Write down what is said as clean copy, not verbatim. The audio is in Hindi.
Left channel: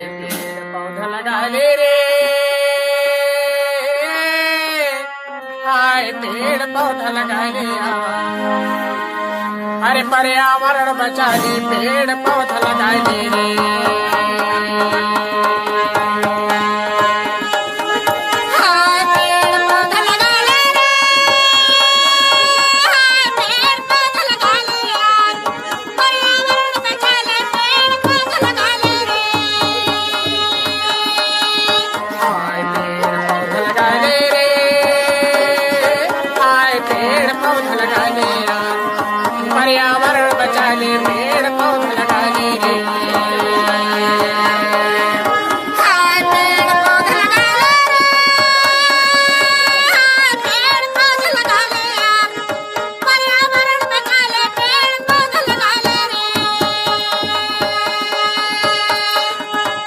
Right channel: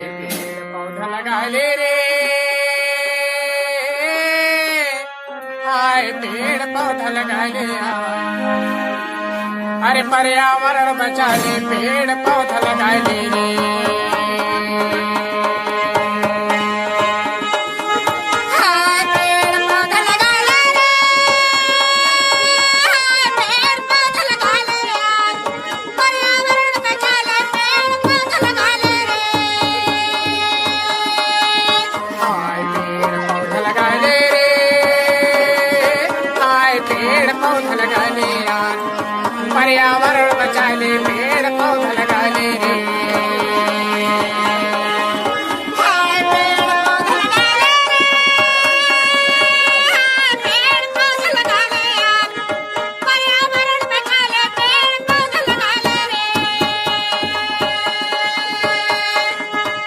पेड़ पौधा लगा ले रे, हाय पेड़ पौधा लगा ले। अरे पर्यावरण बचा ले, पेड़ पौधा लगा ले रे।